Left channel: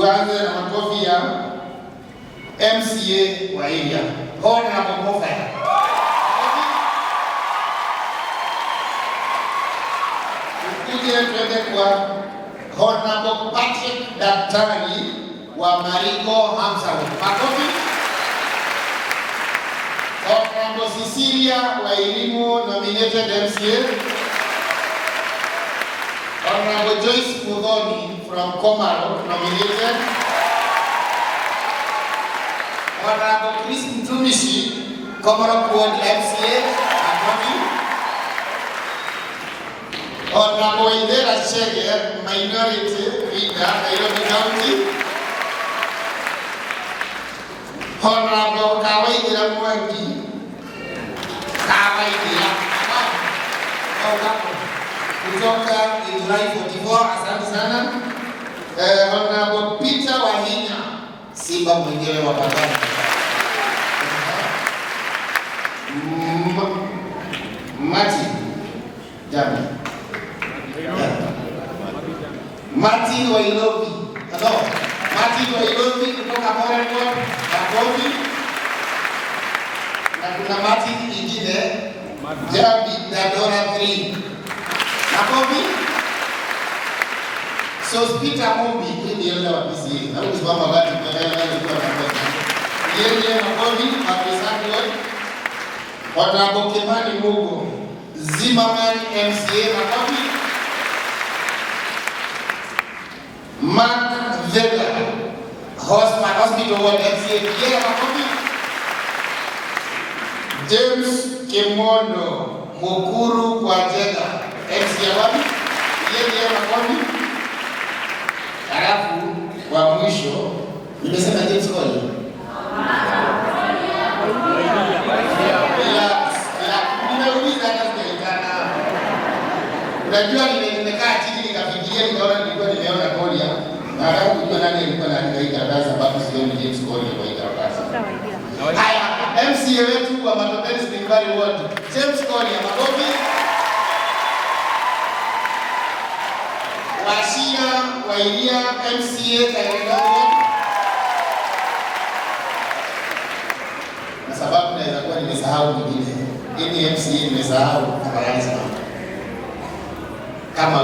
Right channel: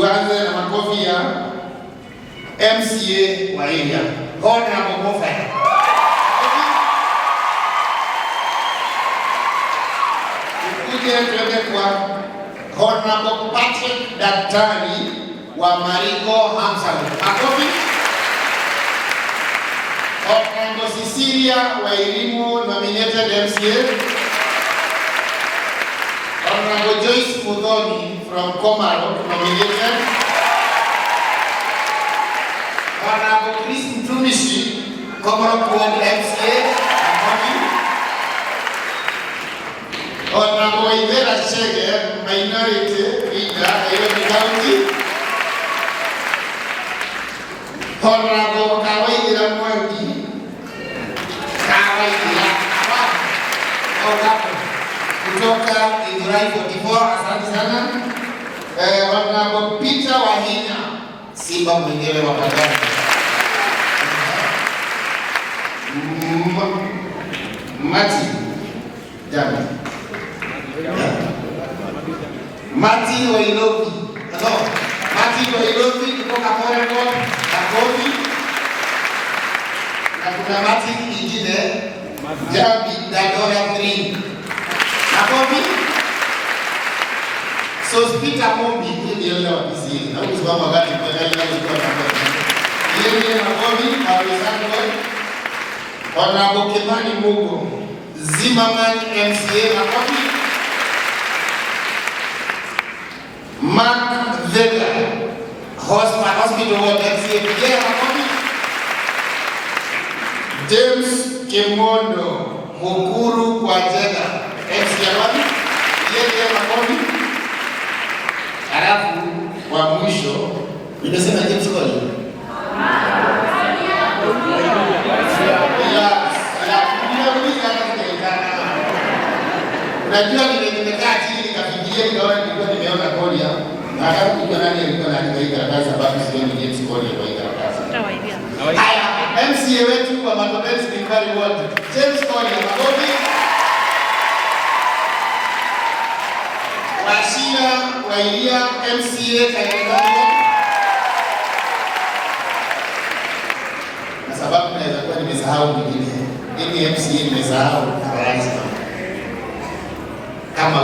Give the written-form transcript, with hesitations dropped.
Tuanze na makofi ya MCA wa area. Honorable Mofai. Tukuje tuende kwa Honorable Patrick Daktari wa Mariko Hamsaru. Makofi. Honorable Cecilia wa Elimu nominated MCA. Honorable Joyce Mudhoni from Komaro nominated. Honorable Chris Mtumishi, Komaro Pwani MCA. Honorable Ivera Chege, Minority Leader, Nairobi County. Honorable Kawaidira Mwangi, kutoka Idurai 44, asante sana. Honorable Peter Wahina, Simba mwenyewe wa Patani. Martin, jamani. Martin Wailovi, Martin Wailovi kutoka Moreton, makofi. Na kuna Martin ingine, Jabi Dadora 3. Makofi. So Peter Mombi ndiye wa PC. Na usiwapa gani kwa hela ilikuwa na kwa. Yeye makofi arizango. Honorable Kemani Mugo, Zimmerman MCA makofi. Mark Vega, Hospital Ward MCA pia makofi. James Kemondo, Mukuru kwa Jega MCA wapi? Yeye makofi. Alafu wa mwisho nimesema James Kole. Unajua nimekaa chini nikafikiria nikaona nilikuwa nimeona Korea. Na hata kujua nani alikuwa anaandika hii karatasi sababu sio James Kole kwa hii karatasi. Haya, MCA wetu wa Matopeni Spiritual Ward, James Kole makofi. Washia Wailia MCA Kayangani. Na sababu naweza kuwa nimesahau mwingine. Mimi MCA nimesahau kama lazima. Kama